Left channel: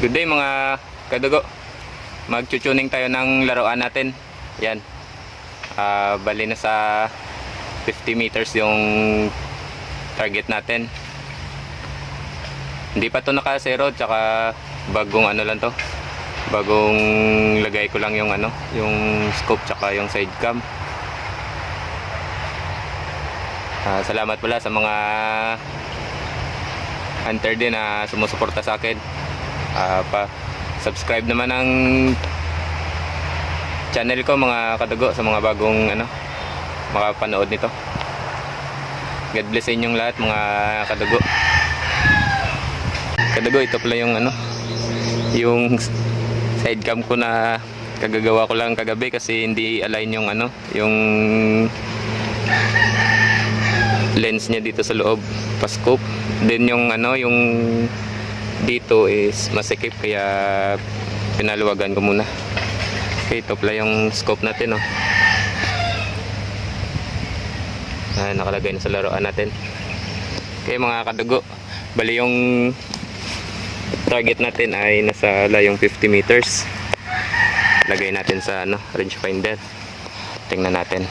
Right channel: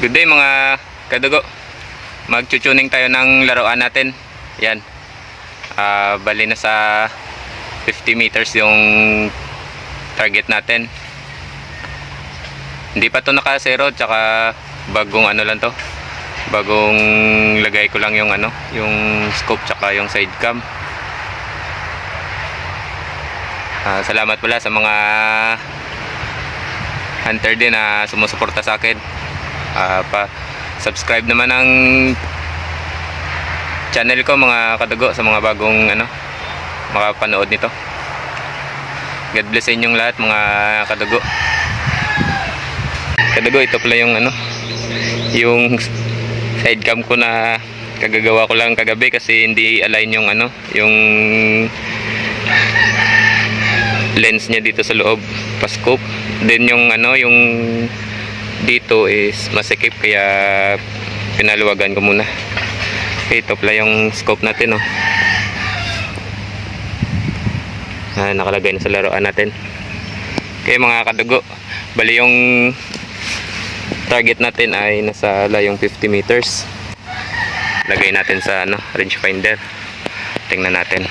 Good day mga kadugo. Magchutuning tayo ng laruan natin. Yan. Ah, bali na sa 50 meters yung target natin. Hindi pa to naka-zero tsaka bagong ano lang to. Bagong lagay ko lang yung ano, yung scope tsaka yung side cam. Ah, salamat pala sa mga hunter din na sumusuporta sa akin. Ah, pa subscribe naman ang channel ko mga kadugo sa mga bagong ano makapanood nito. God bless sa inyong lahat mga kadugo. Kadugo ito pala yung ano yung side cam ko na kagagawa ko lang kagabi kasi hindi align yung ano yung lens niya dito sa loob pa scope then yung ano yung dito is masikip kaya pinaluwagan ko muna. Ito pala yung scope natin oh. Ah, nakalagay na sa laruan natin. Okay mga kadugo. Bali yung target natin ay nasa layong 50 meters. Lagay natin sa ano, range finder tingnan natin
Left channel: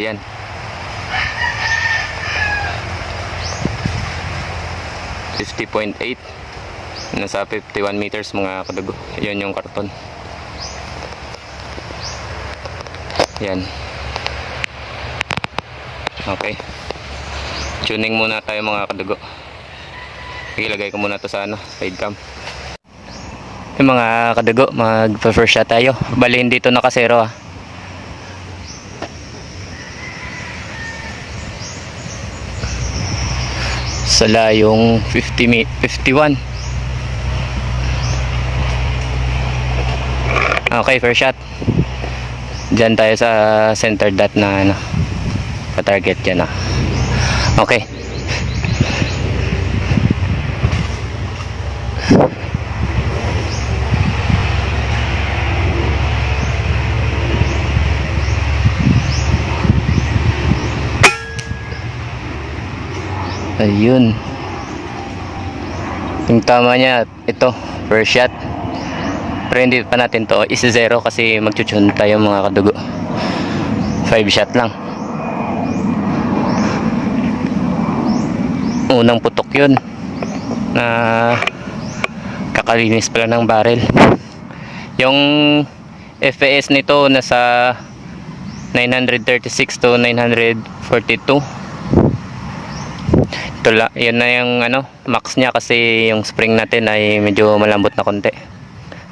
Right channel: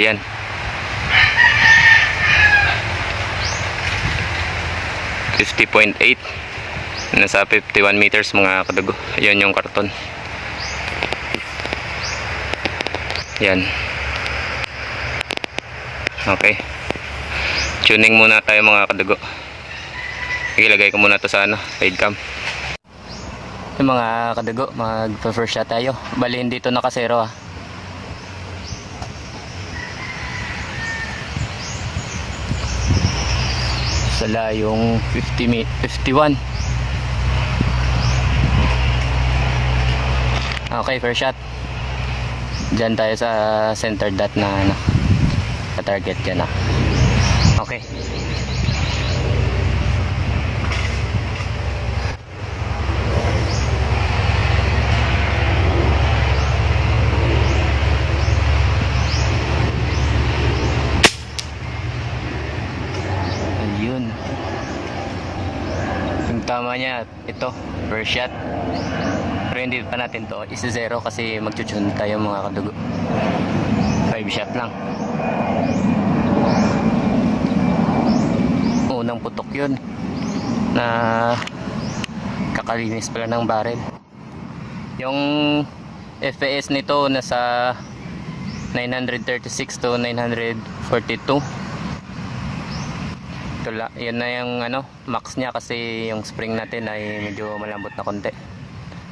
Ayan. Fifty point eight. Nasa 51 meters mga kadugo. Ayan yung karton. Ayan. Okay. Tuning muna tayo mga kadugo. Ilagay ko muna to sa ano, side cam. Yung mga kadugo, mag-first shot tayo. Bali hindi to nakasero ah. Sa layong 50 mi 51 okay first shot. Dyan tayo sa center dot na ano sa target dyan ah. okay Ayun. Yung tama niya, ito, first shot. Pero hindi pa natin to is zero kasi magchuchun tayo mga kadugo. Five shot lang. Unang putok yun na kakalinis pala ng barrel. Yung FPS nito nasa 936 to 942 ito la, yun na yung ano, max niya kasi yung spring natin ay medyo malambot na konti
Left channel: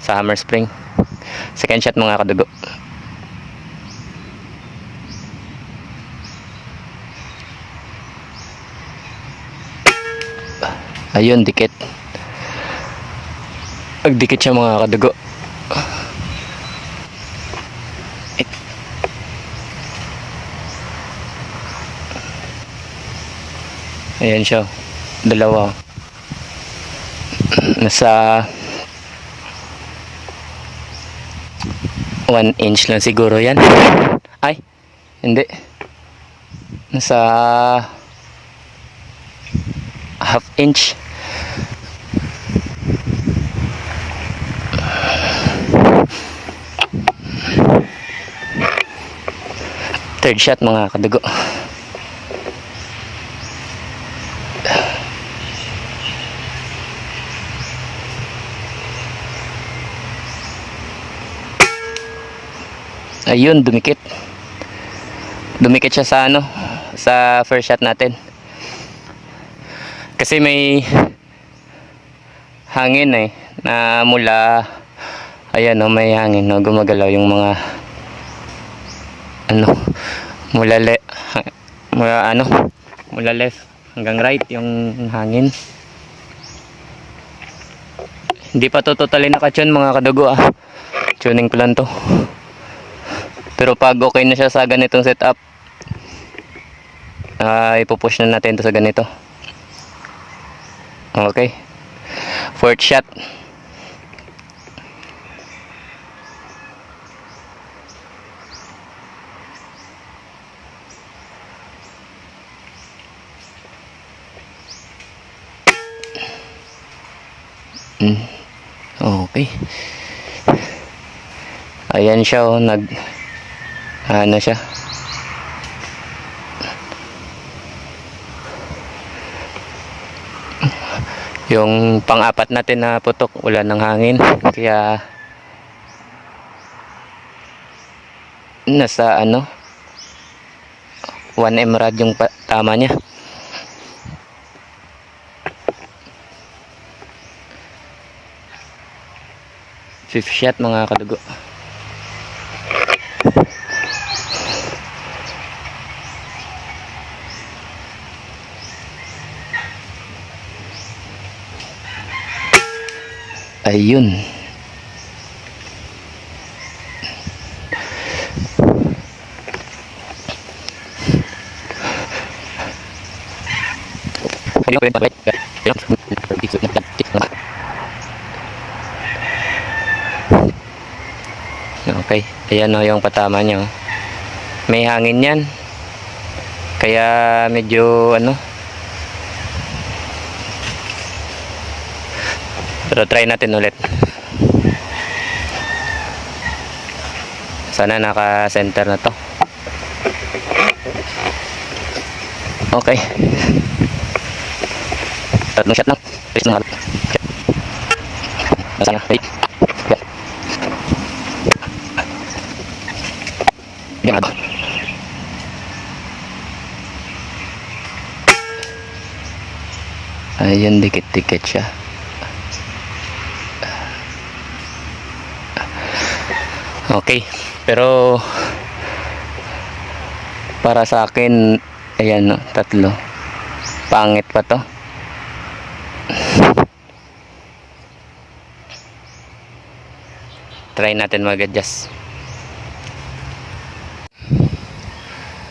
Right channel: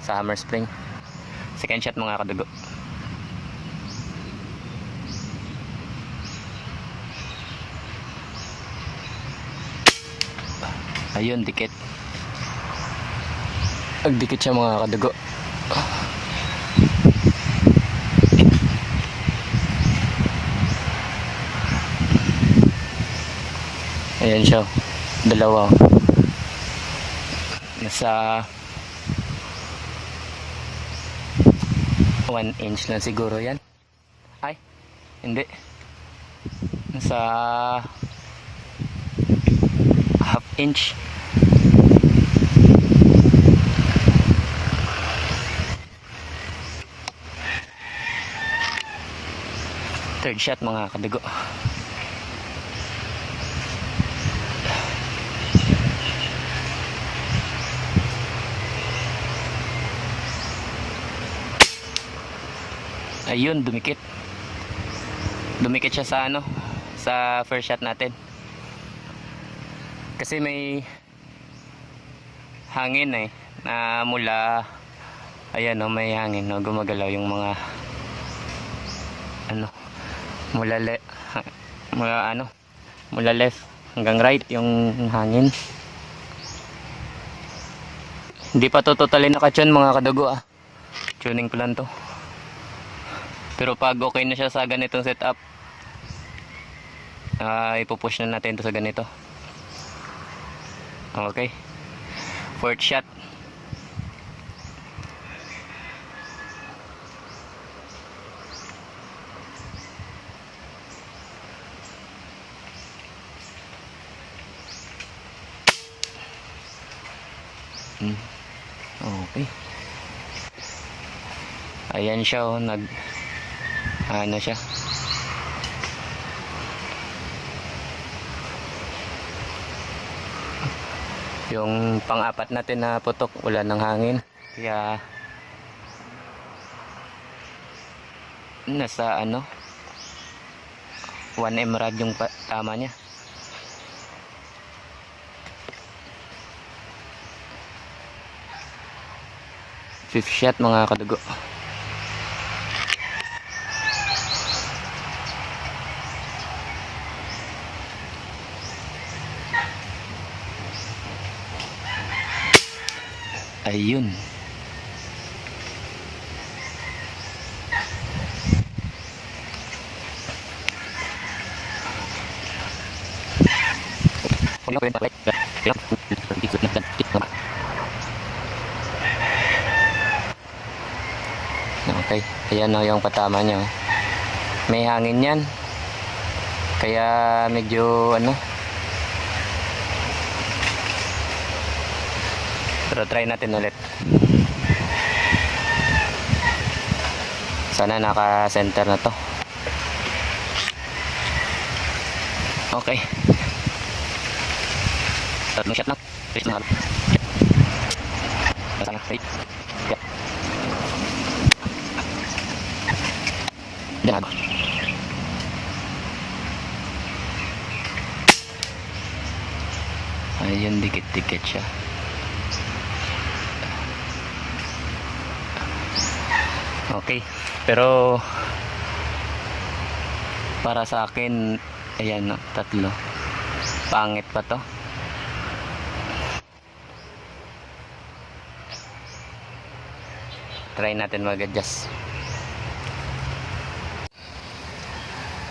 sa hammer spring. Second shot mga kadugo. Ayun, dikit. Agdikit siya mga kadugo. Ayan siya. Dalawa. Nasa 1 inch lang siguro yan. Ay, hindi. Nasa half inch. Third shot mga kadugo. Ayun, dumikit. Dumikit siya sa ano, sa first shot natin. Kasi may hangin eh na mula ayan oh, may hangin no, gumagalaw yung mga ano mula le mula ano mula left hanggang right yung hangin hindi pa to totally nakatune mga kadugo ah tuning ko lang to pero pag okay na siya sa ganitong setup uh, ipupush na natin to sa ganito okay fourth shot Mm. Okay. Ayan siya oh, nag ano siya. Yung pang-apat natin na putok, wala ng hangin. Kaya nasa ano 1 emerald yung tama niya. Fifth shot mga kadugo. Ayun. Okay, ayan o yung patama niya. May hangin yan. Kaya medyo ano. Pero try natin ulit. Sana naka-center na to. Okay. Tatlong shot lang. Please na halap. Sana. Wait. Yeah. Yan ako. Ayun, dikit-dikit siya. Okay, pero para sa akin, ayan, no, tatlo. Pangit pa to. Try natin mag-adjust.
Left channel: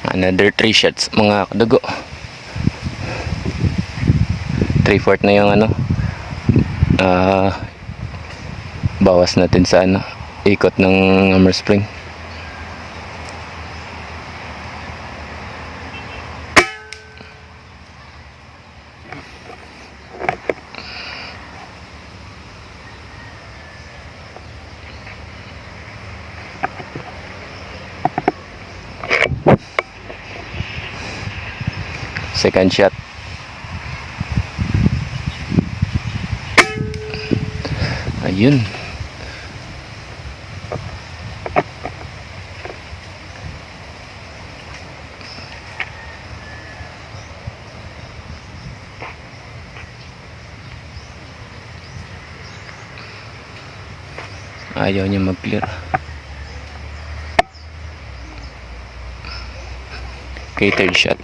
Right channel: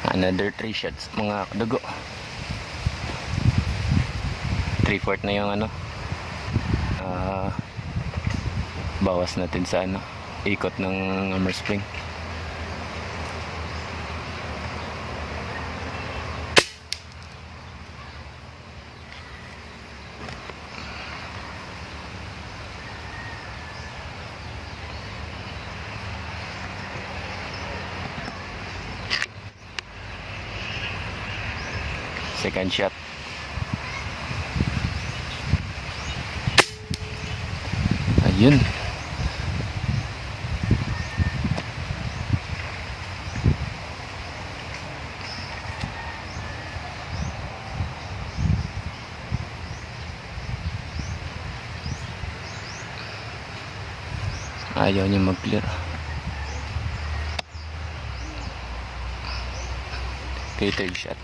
Another 3 shots mga kadugo. 3 fourth na yung ano. Ah bawas natin sa ano ikot ng hammer spring. Second shot. Ayun. Ayaw niya mag-clear. Okay, shot.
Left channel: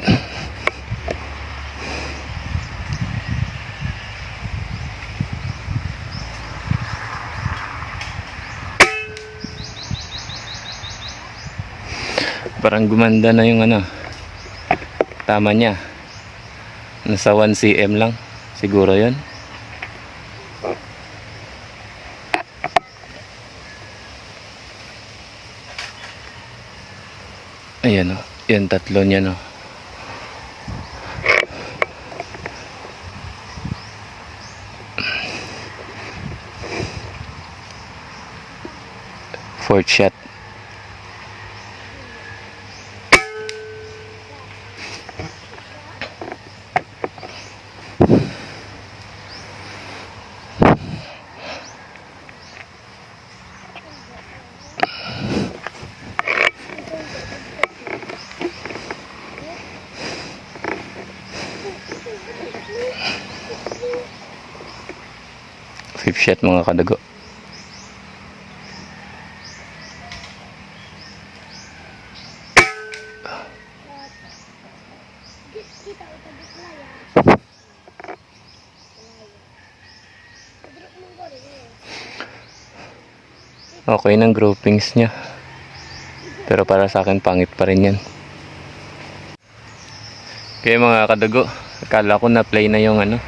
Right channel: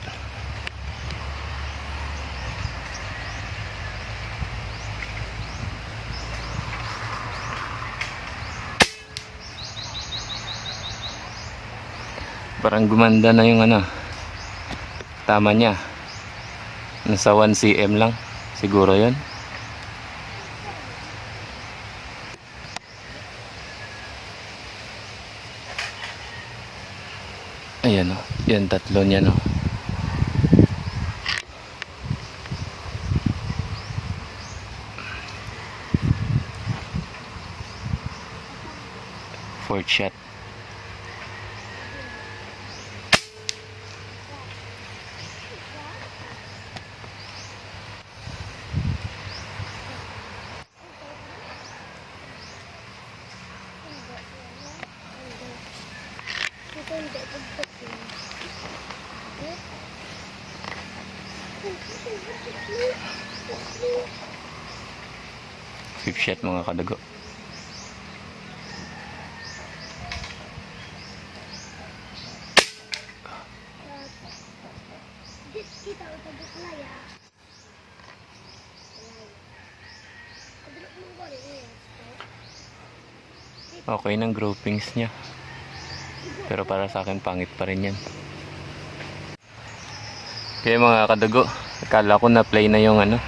Parang gumanda na yung ano. Tama niya. Nasa 1 cm lang. Siguro yon. Ayan o. Yan tatlo niya no. Fourth shot. Fifth shot mga kadago. Okay ng groupings niya. Pero para sa akin pangit pa rin yan. Okay mga kadago, akala ko na play na yung ano,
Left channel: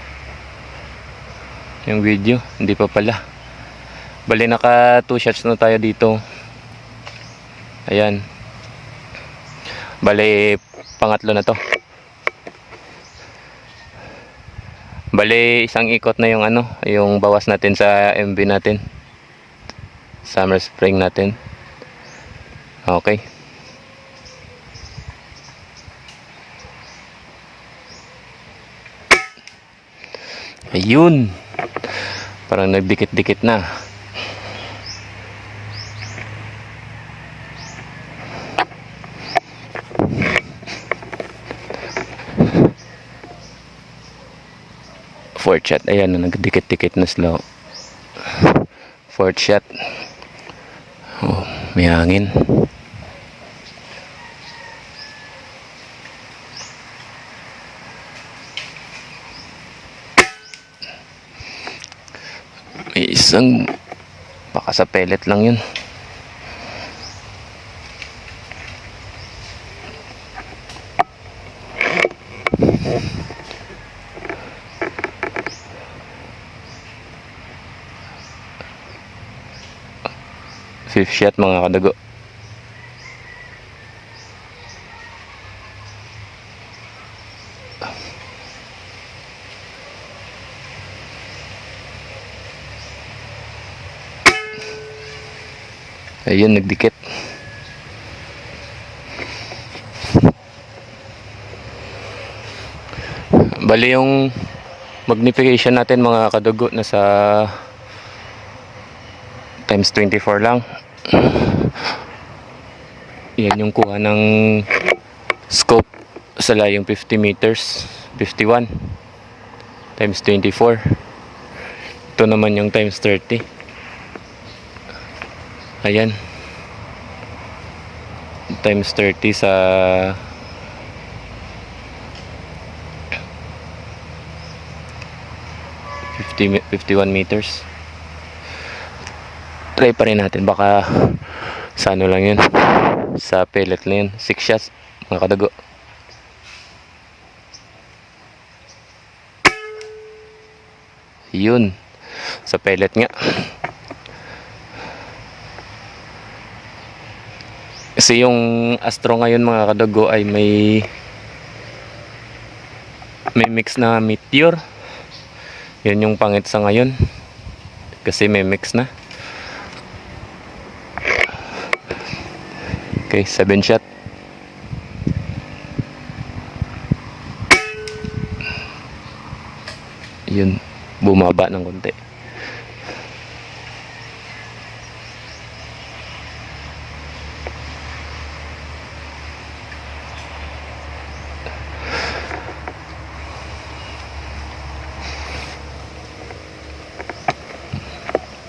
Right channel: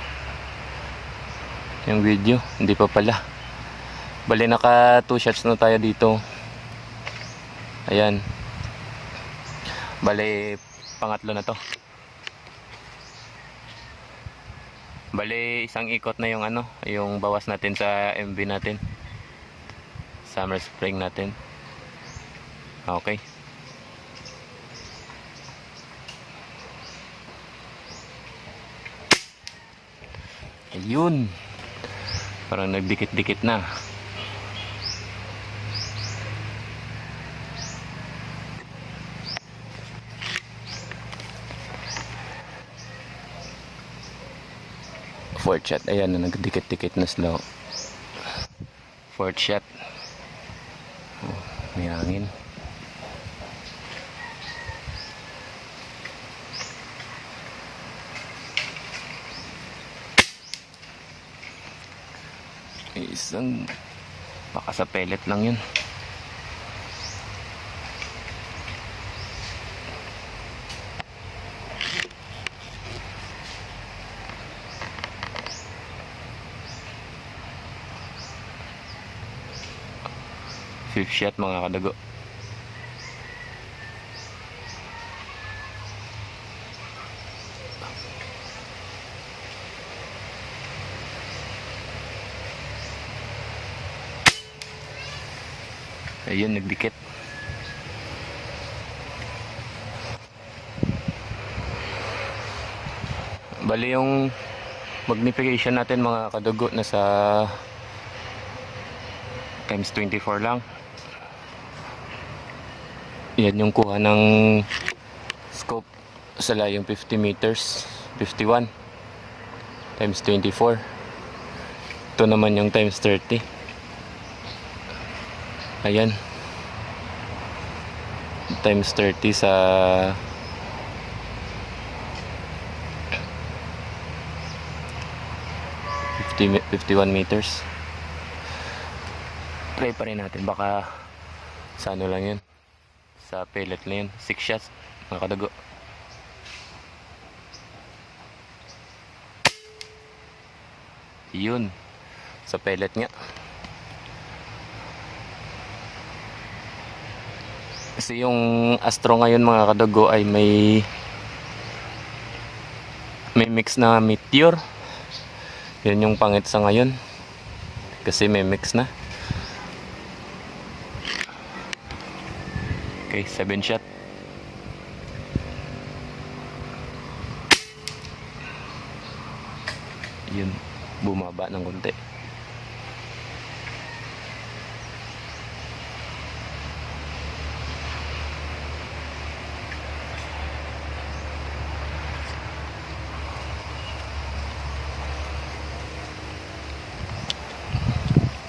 yung video, hindi pa pala. Bali naka 2 shots na tayo dito. Ayan. Bali pangatlo na to. Bali, isang ikot na yung ano, yung bawas natin sa MV natin. Summer spring natin. Okay. Ayun. Parang nagdikit-dikit na. Fourth shot. Ayan na, nagdikit-dikit na slow. Fourth shot. Oh, may hangin. Isang baka sa pellet lang yun. Fifth shot mga kadago. Ayun, nagdikit. Bali yung magnification natin mga kadugo na sa times 24 lang. Yan yung kuha ng scope sa layong 50 meters, 51 times 24. Ito naman yung times 30. Ayan. Times 30 sa fifty me- 51 meters. Try pa rin natin baka sa ano lang yun. Sa pellet lang yun. 6 shots mga kadago. Yun. Sa pellet nga. Kasi yung Astro ngayon mga kadago ay may may mix na meteor. Yun yung pangit sa ngayon. Kasi may mix na. Okay, 7 shot. Yun, bumaba ng konti.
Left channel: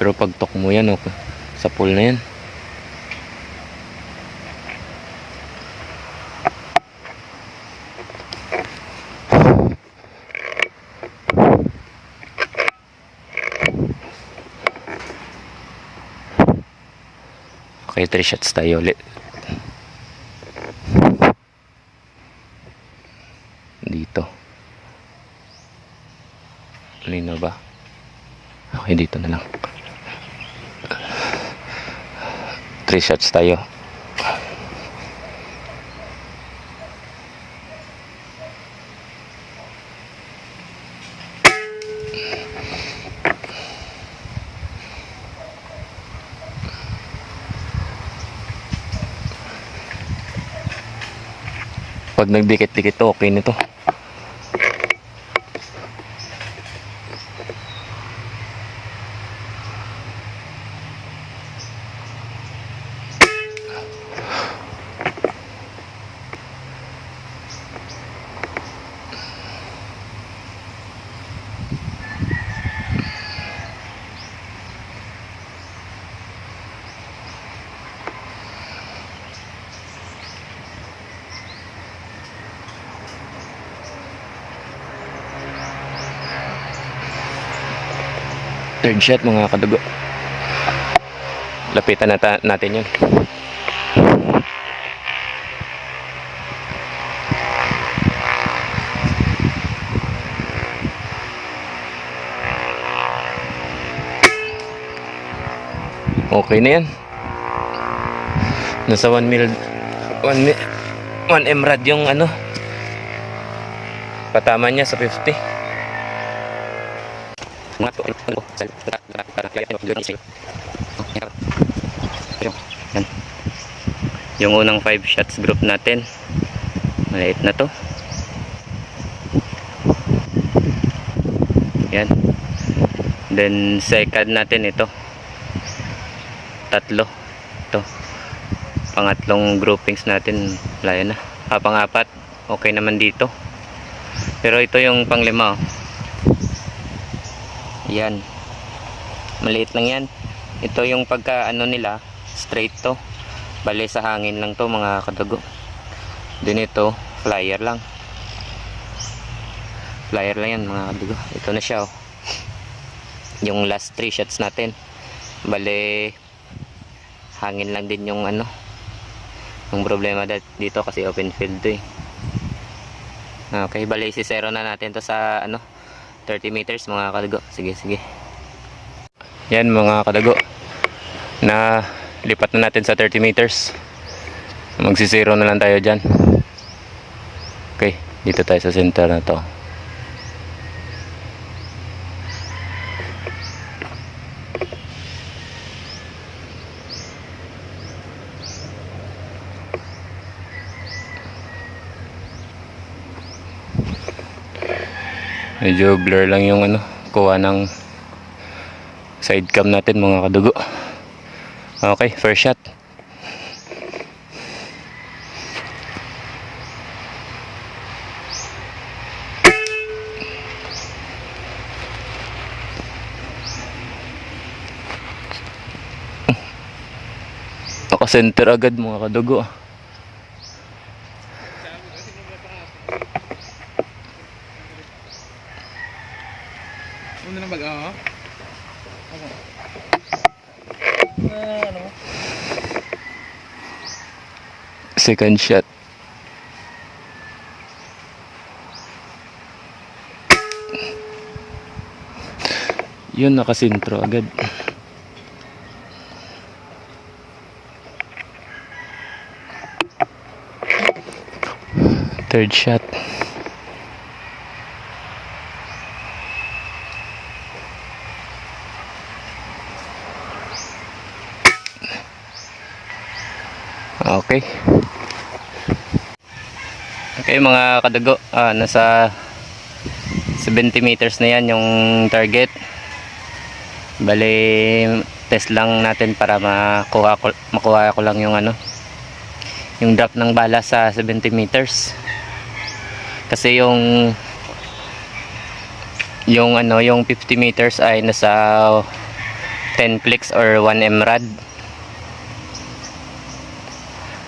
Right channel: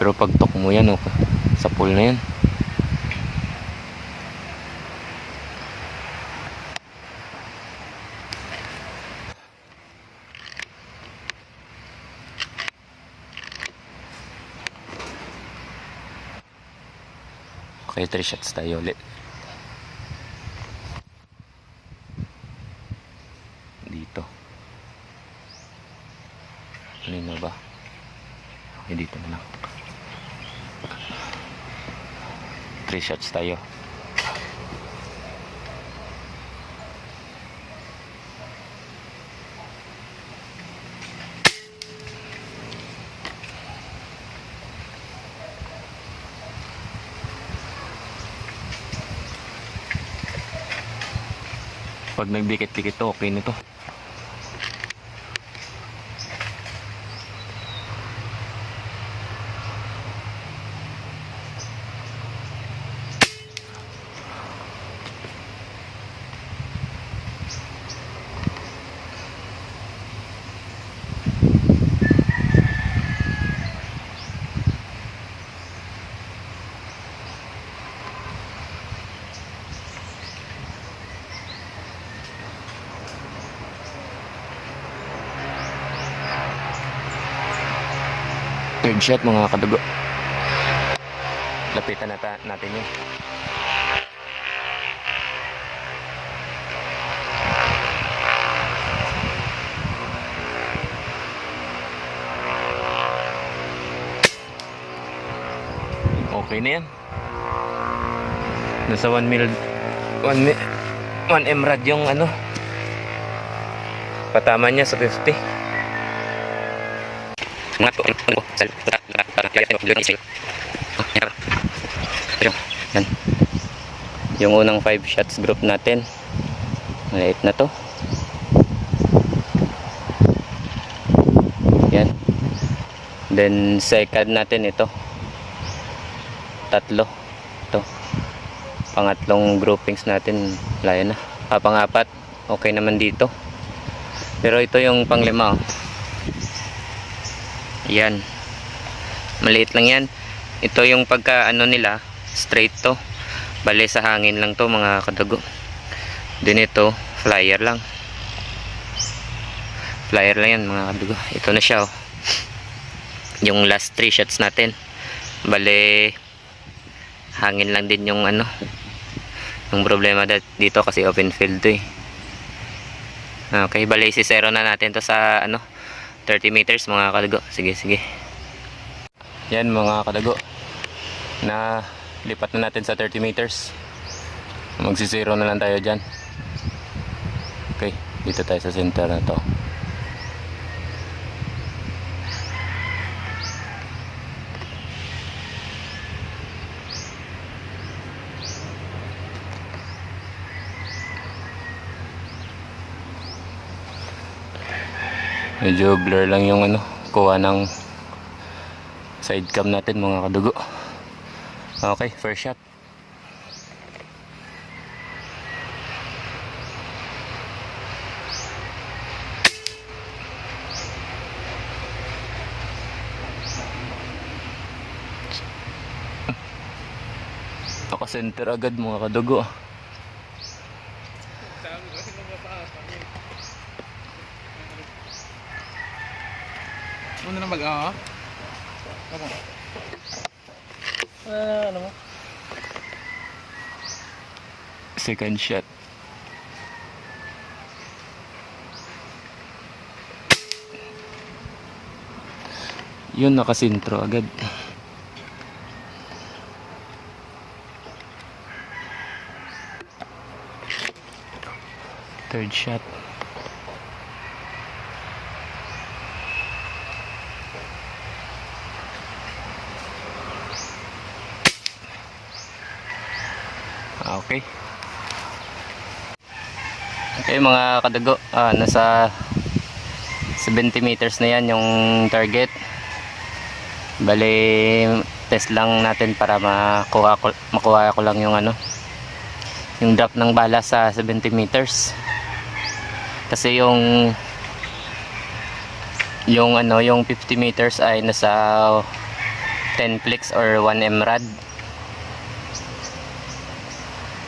Pero pag tok mo yan, okay. sa pool na yan. Okay, 3 shots tayo ulit. Dito. Lino ba? Okay, dito na lang. 3 shots tayo. Pag nagdikit-dikit to, okay nito. Third shot mga kadugo. Lapitan nata natin yan. Okay na yan. Nasa 1 mil 1 mil 1 emrad yung ano. Patama niya sa 50. Mga to, ano, isip. Ah, yan. Yung unang 5 shots group natin. Maliit na to. Yan. Then second natin ito. Tatlo. Ito. Pangatlong groupings natin. Layo na. Ah, pangapat. Okay naman dito. Pero ito yung panglima. Oh. Yan. Maliit lang yan. Ito yung pagka ano nila. Straight to. Bale sa hangin lang to mga kadugo. Din ito. Flyer lang. Flyer lang yan mga kadugo. Ito na siya oh. Yung last 3 shots natin. Bale hangin lang din yung ano. Yung problema dito kasi open field to eh. Okay, bale si zero na natin to sa ano 30 meters mga kadago. Sige, sige. Yan mga kadago. Na lipat na natin sa 30 meters. Magsi-zero na lang tayo dyan. Okay, dito tayo sa center na to. Medyo blur lang yung ano, kuha ng side cam natin mga kadugo. Okay, first shot. Naka-center agad mga kadugo. Ano na mag ah? Ano? Ah, ano mo? Second shot. Yun, nakasintro agad. Third shot. Okay. Okay mga kadago, ah, nasa 70 meters na yan yung target. Bali, test lang natin para makuha ko, makuha ko lang yung ano, yung drop ng bala sa 70 meters. Kasi yung yung ano, yung 50 meters ay nasa 10 clicks or 1 mrad.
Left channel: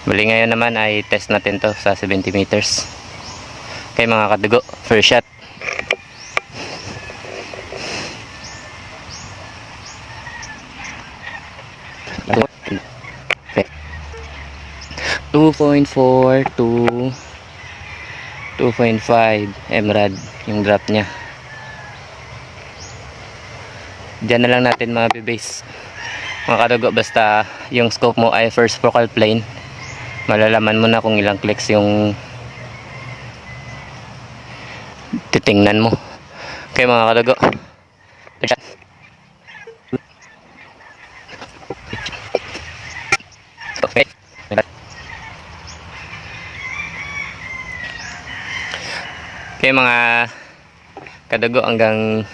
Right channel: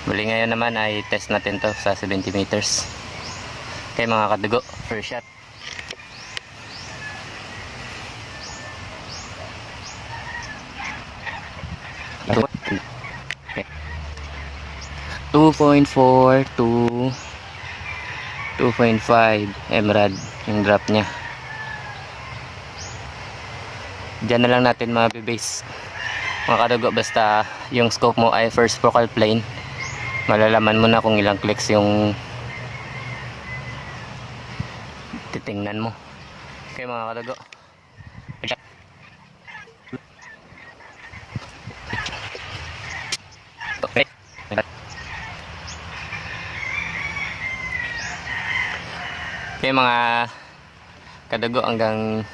Bali ngayon naman ay test natin to sa 70 meters. Okay mga kadugo, first shot. Okay. 2.4 to 2.5 emerald yung drop niya. Diyan na lang natin mga bibase. Mga kadugo, basta yung scope mo ay first focal plane malalaman mo na kung ilang clicks yung titingnan mo. Okay mga kalago. Okay. Okay mga kadago hanggang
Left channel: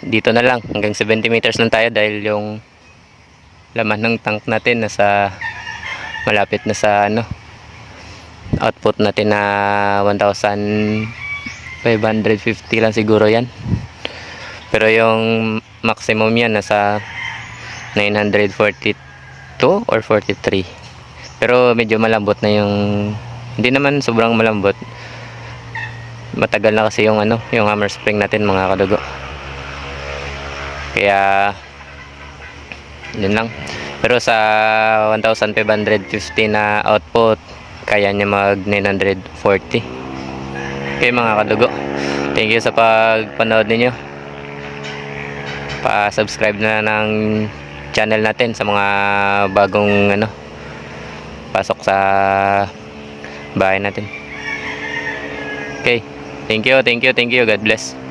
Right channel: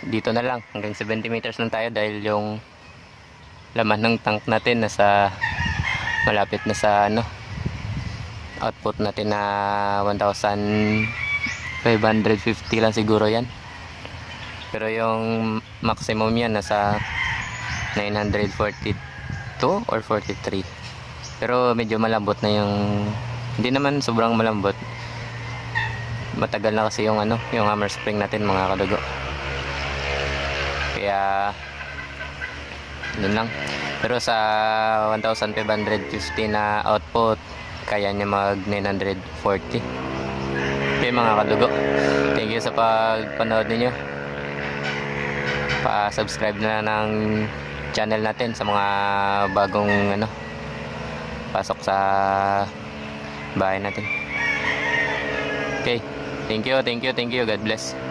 dito na lang. Hanggang 70 meters lang tayo dahil yung laman ng tank natin nasa malapit na sa ano output natin na 1,550 lang siguro yan. Pero yung maximum yan nasa 942 or 43 pero medyo malambot na yung hindi naman sobrang malambot. Matagal na kasi yung ano yung hammer spring natin mga kadugo. Kaya yun lang pero sa 1,550 na output, kaya niya mag 940. Okay mga kadugo. Thank you sa pagpanood ninyo. Pa-subscribe na ng channel natin sa mga bagong ano pasok sa bahay natin. Okay. Thank you, thank you, thank you. God bless.